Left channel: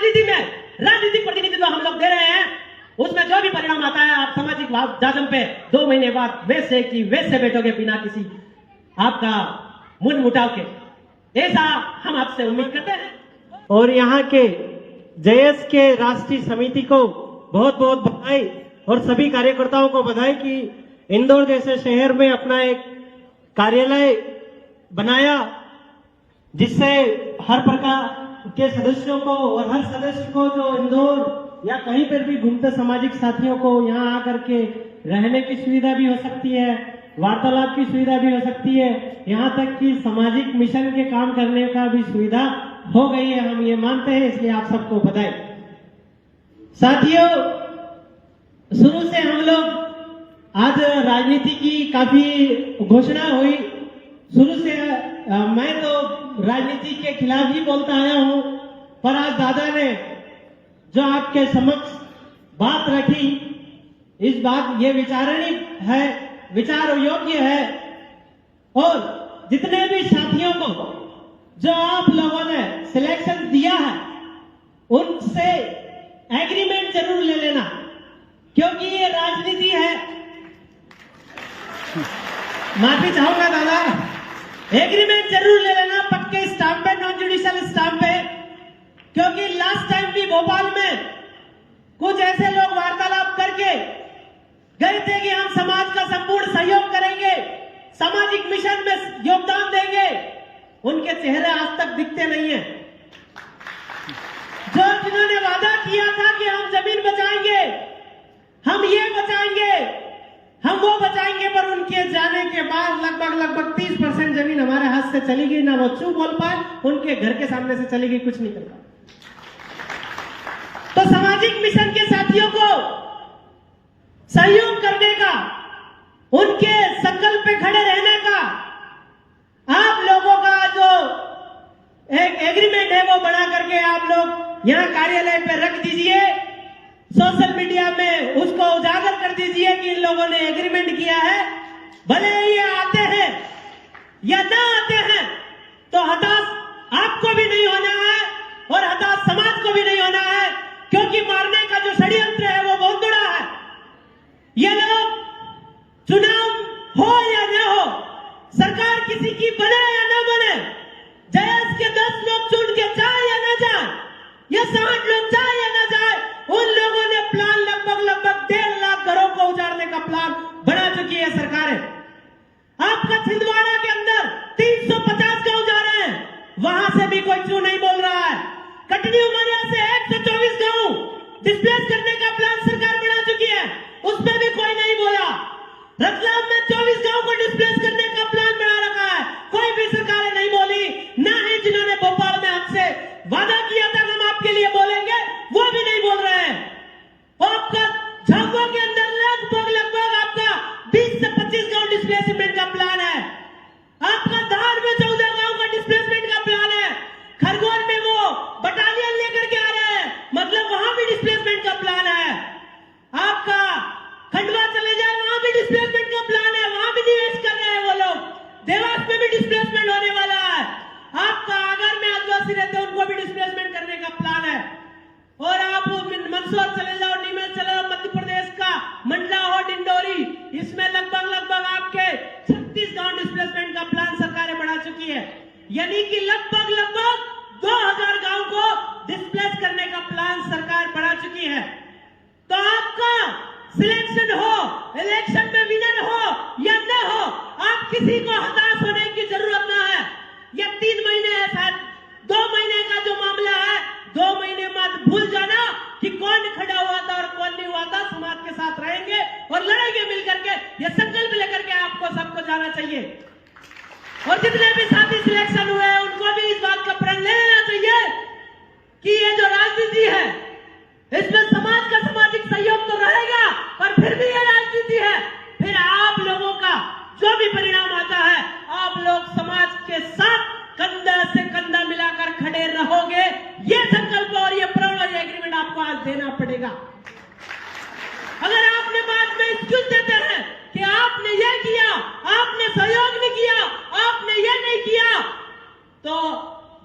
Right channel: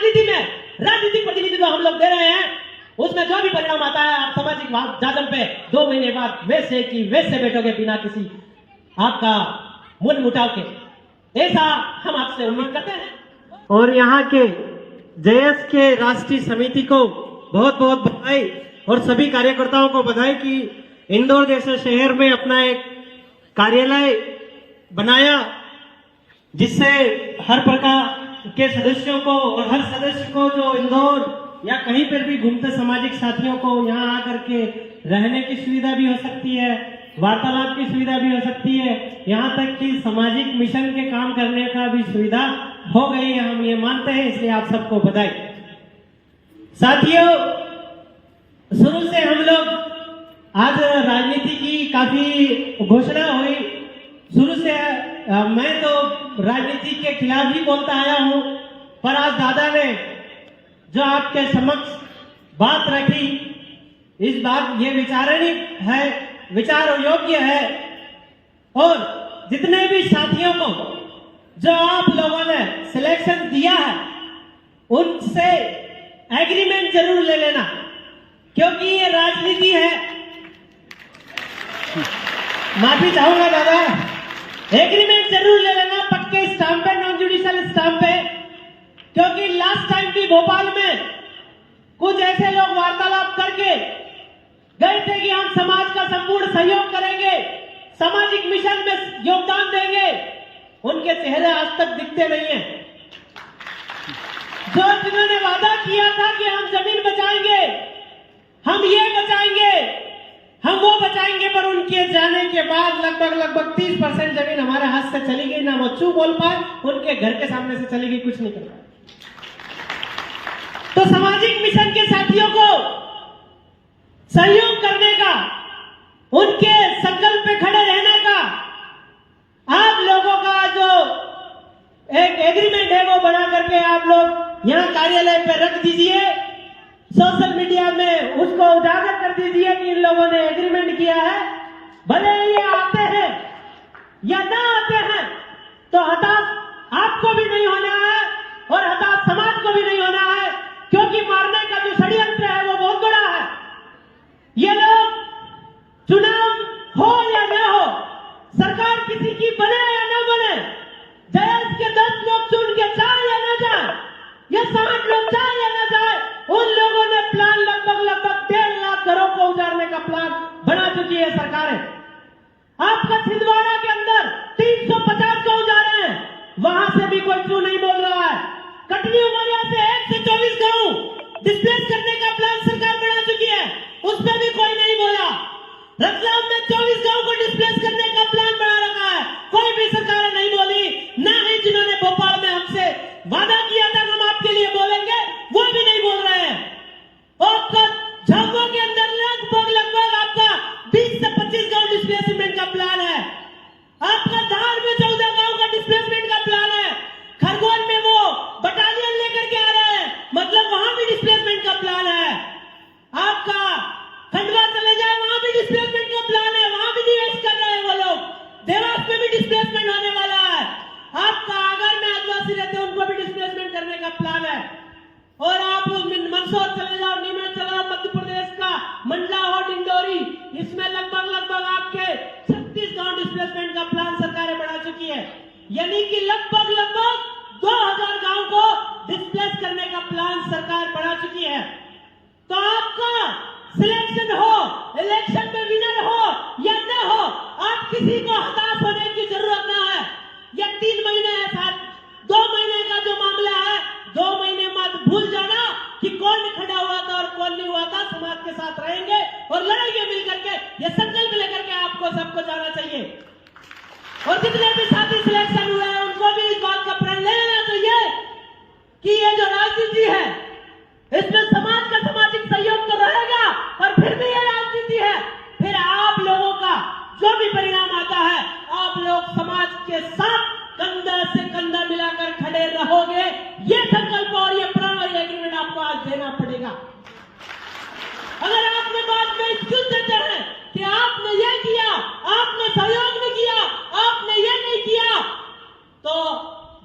राजनीति में राजनीतिक प्रतिनिधित्व हम लोग दे रहे हैं, उसमें जो भी परिणाम आता है आप सामाजिक जाजम पे 2 महीने बाद वैसे की वैसे बैठोगे बिना किसी आपका मन मुटाव के, ऐसा हम आपसे उम्मीद करते हैं। और यहाँ के जेएस के राष्ट्रीय समिति को बहुत बहुत बधाई और सभी कार्यकर्ताओं को बधाई कि इंदौर जैसे शहर में अपना एक कार्यालय बनाया, जिससे हर प्रकार के सदस्यों को और हर सदस्य को जो इंदौर या कहीं पर भी घूमते सामाजिक साथियों को यहाँ आकर के रहने की सुविधा भी हो सकती है, वार्तालाप की सुविधा भी हो सकती है, यहाँ तक कि सामाजिक मिशन के काम करने का भी सुविधा हो गई है, हम ये मानते हैं, इसलिए आप सबको बधाई। साथियों, शुरू से हम लोग आज राजनीति की काफी घोषणा हुई, शुरू से मैं तो राजनीति के खिलाफ ही बोलता आया हूं, पर आज दादा ने जो आपके समक्ष बात रखी, इस बात ये विचारणीय है, विचार योग्य है, और जितने भी साथियों को जो आप लोगों ने सिलेक्शन दिया है उनसे एग्रीमेंट जरूर ले लेना, क्योंकि ये राजनीति है। माफी चाहूंगा दादा, एग्रीमेंट जरूर ले लेना, पक्के स्टाम्प पे, नॉन जुडिशियल स्टाम्प पे, क्योंकि लास्ट टाइम भी भोपाल में कुछ ऐसे लोग वार्तालाप करके गए थे कि हम समाज का संपूर्ण सहयोग करेंगे, सामाजिक मिशन में योगदान देंगे, उनके चेहरे आज तक दिखते नहीं हैं। जो जिन्होंने वादा किया था कि हम जमीन बचाएंगे, हम ये बचाएंगे, हम वो बचाएंगे, पर उनके जाने के बाद लगभग 30% जमीन हमारे हाथ से चली गई, ना वो चू बोल पाए, उनके घर के सामने से चली गई, कुछ नहीं कर पाए। तो सामाजिक मिशन के साथियों को सहयोग करने का, उनके संकल्प पे खड़े रहने का, आप लोगों का जो एक एग्रीमेंट है वो बना करके आप लोग यहाँ कार्यालय पे रख दीजिए, सोशल मीडिया में उसको उजागर कर दीजिए कि इन लोगों ने एग्रीमेंट किया है। भले ये आते हैं या ना आते हैं, तो हताश आपको भी नहीं होना है और हताश समाज को भी नहीं होना है, क्योंकि मारने का जो षड्यंत्र है वो बहुत बड़ा है। ये लोग चुनाव हो या ना हो, सरकार किसी की बने या ना बने, जयस के 10 लोग चुन के जाए या ना जाए, या 60 लोग जाए या ना जाए, उन लोगों ने प्लान लगभग 1.5 लाख घरों को उजाड़ने का प्लान बना चुकी है सरकारें। आपका छिंदवाड़ा के अंदर 350 गांव जा रहे हैं, वहां से भी कोई क्यों नहीं बोल रहा है। कटनी उमरिया से 124 गांव डिस्प्लेस करने का प्लान सरकार बना चुकी है, उस पर भी कोई नहीं बोला। रतलाम में 24 गांव को डिस्प्लेस करने का प्लान बना रखा है, कोई भी सरकार नहीं बोली। ना ही जिन्होंने भोपाल में हमसे वादा किया था हम आपके लिए बोलेंगे, वो भी नहीं बोल रहे हैं। आपका झाबुआ के अंदर लगभग आपका 20 से 25 गांव डिस्प्लेसमेंट का प्लान है। आपका धार में 14 गांव का डिस्प्लेसमेंट का प्लान है। खरगोन में वो बटालियन लेकर के आ रहे हैं, मतलब वहां भी डिस्प्लेसमेंट का प्लान है। आपका खंडवा चले जाए, वहां भी डिस्प्लेसमेंट का प्लान है, वहां भी निवेश कर रहे हैं वो लोग। देवास में भी डिस्प्लेसमेंट होने वाला है। आपका आगर में आदिवासी रहते हैं, उनको भी डिस्प्लेसमेंट करने का प्लान है। और आप मंदसौर चले जाओ, नीमच चले जाओ, मध्य प्रदेश का मंडला और डिंडोरी, इसमें लगभग आपके 36 गांव डिस्प्लेसमेंट का प्लान सरकारें बढ़ा चुकी है। यानी कि लगभग 2000 गांव को डिस्प्लेस करने का प्लान सरकार बढ़ा चुकी है। तो आपका सिलेक्शन हो, इलेक्शन में विनर हो या न हो, आप किसी को हताश होने की जरूरत ना है। यह 3 महीने है साथ, 2 महीने का जो मामला है, 2 महीने बाद भूल जाना कि कौन खड़ा हुआ था और कौन नहीं हुआ था। समाज के साथ रहेंगे और लड़ेंगे मिलकर के, ये संकल्प लेकर के आपको सबको जाना चाहिए। और जितने भी साथी सिलेक्शन हुए हैं उनको भी इस बात का प्रण ले लेना चाहिए कि ये जो राजनीति है इसमें समाज का सामाजिक सहयोग तो रहेगा, और फिर भी ये राजनीति है। फिर आप लोगों का जो भी परिणाम आता है, आप लोग समाज के साथ कंधा से कंधा मिलाकर खड़े रहोगे। ये संकल्प और ये प्रण और ये एग्रीमेंट आपको आज देना पड़ेगा। अगर आपने बाद में एक्सक्यूज देते हैं कि आपने ये किया, आपने सहयोग नहीं किया, आपने ये नहीं किया, तो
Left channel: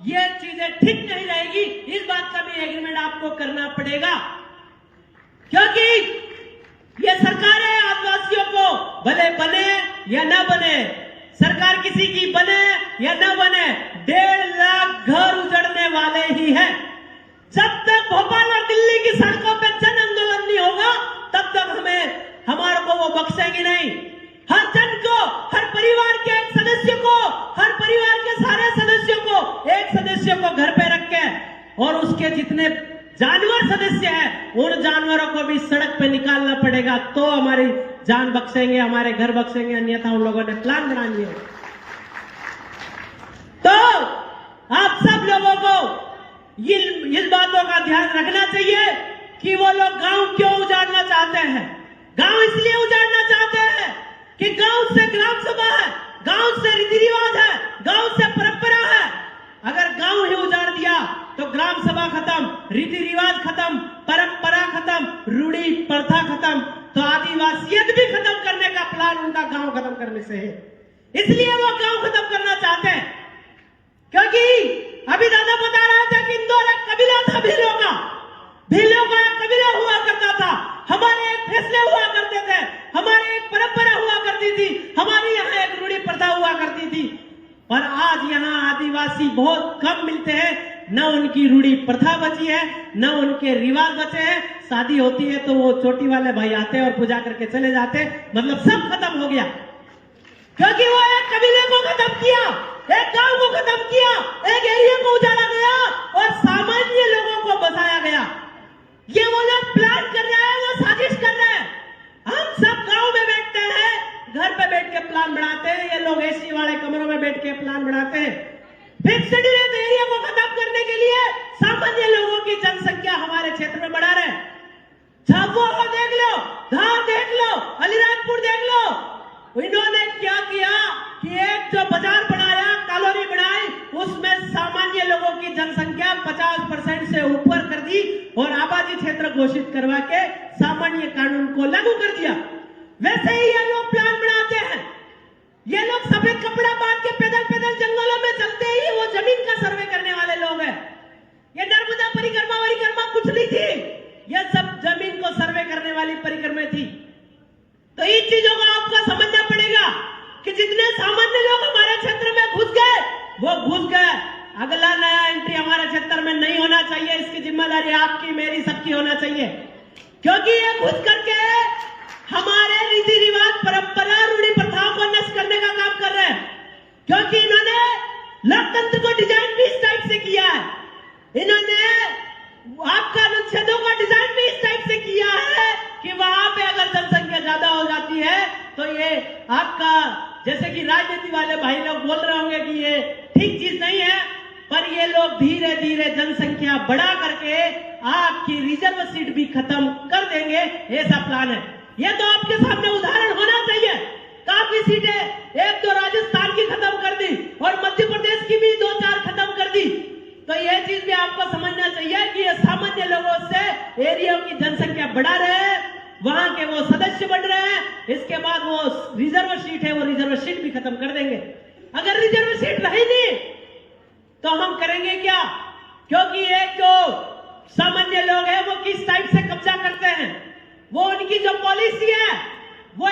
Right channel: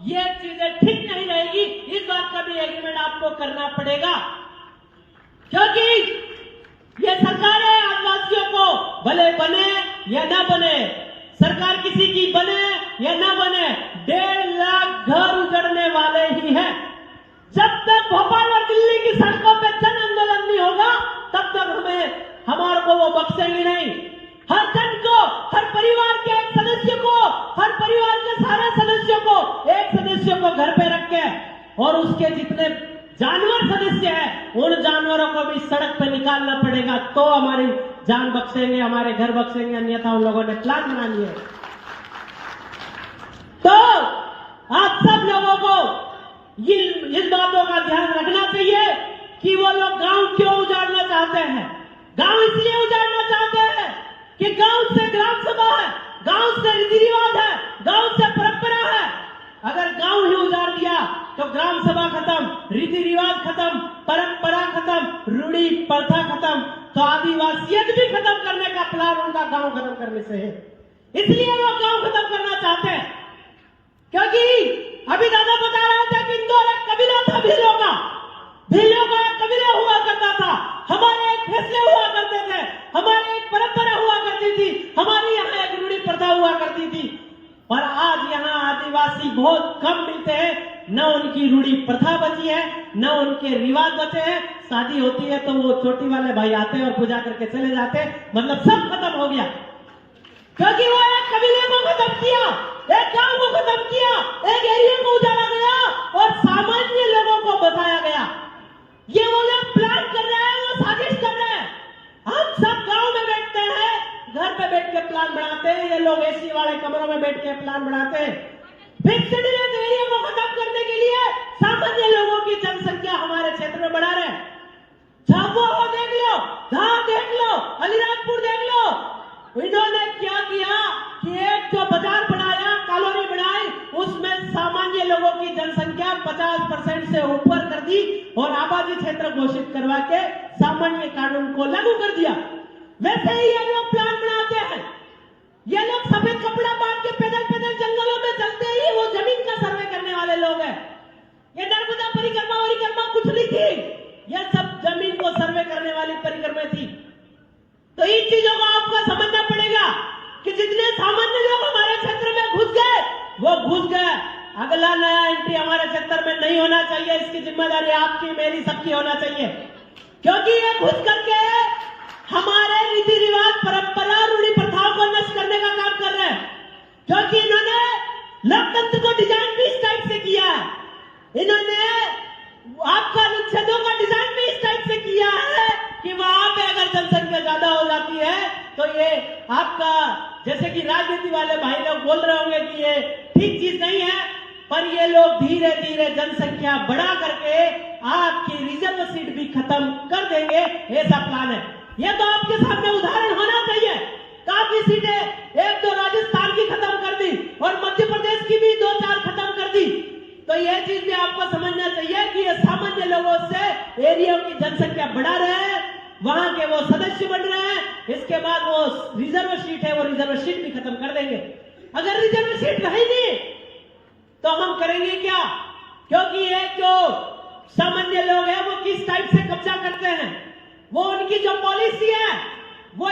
ये चीजें ठीक नहीं रहेगी। इस बात का भी एग्रीमेंट आपको करना पड़ेगा, क्योंकि ये सरकारें आदिवासियों को भले बने या ना बने, सरकार किसी की बने या ना बने, 1.5 लाख घर उजड़ने वाले ही हैं। जब तक भोपाल और दिल्ली की सड़कों पे जन आंदोलन नहीं होगा तब तक हमारे को वो बख्शेंगे नहीं। हर जन को, हर परिवार के एक सदस्य को, हर परिवार के सारे सदस्यों को, एक सदस्य को घर पे रख के और उसके जितने जानवर सदस्य हैं उन जानवरों को भी सड़क पे निकालना पड़ेगा, तो हमारी जान बख्शेंगे, हमारे घर बख्शेंगे, अन्यथा उन लोगों ने प्लान बना लिया है। तो आप सब लोगों को इस बातों का ध्यान रखना चाहिए कि वो लोग गांव क्यों उजाड़ना चाहते हैं। गांव इसलिए उजाड़ना चाहते हैं कि गांव से ग्राम सभा है, गांव से रीति रिवाज है, गांव से परंपरा है। अगर गांव ही उजाड़ दिया तो ग्राम सभा खत्म, रीति रिवाज खत्म, परंपरा खत्म, रूढ़ी प्रथा खत्म, तो आदिवासियत भी खत्म करने का प्लान उनका गांव खत्म करने से है। इसलिए वो गांव खत्म करना चाहते हैं, क्योंकि अभी दादा बता रहा था कि इंदौर एक कबीला था भीलों का एक कबीला हुआ करता था। हमारे एक फैसले हुआ करते थे, हमारी एक परंपरा हुआ करती थी, हमारी यहाँ एक रूढ़ी प्रथा हुआ करती थी। पर आज यहाँ आदिवासी बहुत कम मिलते हैं, न उनकी रूढ़ी प्रथा बची है, न उनके रिवाज बचे हैं। शादी होती है तो वो चोटी वाले भाई आते हैं और पूजा करके चले जाते हैं, मतलब सब खत्म हो गया, क्योंकि वो एक कबीले को खत्म किया, एक गांव को खत्म किया, एक एरिया को उजाड़ा गया और सामान्य लोगों को बसाया गया। ये वो लोग प्लान कर रहे हैं, वो साजिश कर रहे हैं। हम सब गांव में बैठते हैं, घर पे बैठ के प्लान बनाते हैं, ये लोग एसी वाले कमरों में बैठ के प्लान बनाते हैं। फिक्स्ड एरिया को खत्म करने के लिए सामान्य लोगों की जनसंख्या हमारे क्षेत्र में बढ़ा रहे हैं। झाबुआ को देख लो, धार देख लो, अलीराजपुर देख लो। इन्होंने क्या किया कि एक जो बाजार बनाया, कॉलोनी बनाई, उसमें सामान्य लोगों की जनसंख्या 50% से ऊपर कर दी और आबादी क्षेत्र घोषित करवा के सामान्य कानून को लागू कर दिया। वैसे ही ये लोग प्लान बनाते हैं, ये लोग सफेद कपड़ा बांध के पैदल पैदल जंगलों में चलते ही वो जमीन का सर्वे करने वाले लोग हैं। ये नर्मदा परिक्रमा कुछ नहीं थी, ये सब जमीन को सर्वे करने वाली परिक्रमा थी। तो इन चीजों को आपको समझना पड़ेगा कि जितने सामान्य लोग हमारे क्षेत्र में घुस गए वो घुस गए। अगला नया एंट्री हमारे क्षेत्र में नहीं होना चाहिए, इसकी जिम्मेदारी आपकी, मेरी, सबकी होना चाहिए, क्योंकि ये घुस करके हमारे रीति रिवाज, परंपरा, रूढ़ी प्रथाओं को नष्ट करने का काम कर रहे हैं। क्योंकि इन्होंने लोकतंत्र को डिजाइन भी इस टाइप से किया है, इन्होंने आपका अनुच्छेदों का डिजाइन भी इस टाइप से किया है कि वहां पे अगर जनसंख्या ज्यादा हो जाती है तो ये आपका, जैसे कि राजनीति वाले भाई लोग बोल रहे होंगे कि ये ठीक चीज नहीं है, पर ये लोग धीरे धीरे जनसंख्या बढ़ा करके आपकी रिजर्व सीट भी खत्म कर देंगे, ऐसा प्लान है। ये तो आपके सामने उदाहरण होना चाहिए। काफी सीटें, एक तो राजस्थान की खत्म कर दी और मध्य प्रदेश की भी 2-4 खत्म कर दी। तो यह चीज भी आपको समझना चाहिए कि ये सामान्य लोगों से एरिया की जनसंख्या बढ़ा रहे हैं, वहां के वो सदस्य बढ़ रहे हैं, इसके बाद वो रिजर्व सीट है, वो रिजर्व सीट भी खत्म कर देंगे। अगर रिजर्व सीट रही नहीं तो हम करेंगे क्या? क्योंकि एक जो सामान्य लोग हैं वो किस टाइप से कब्जा करते हैं, वो उनकी जो पॉलिसी है वो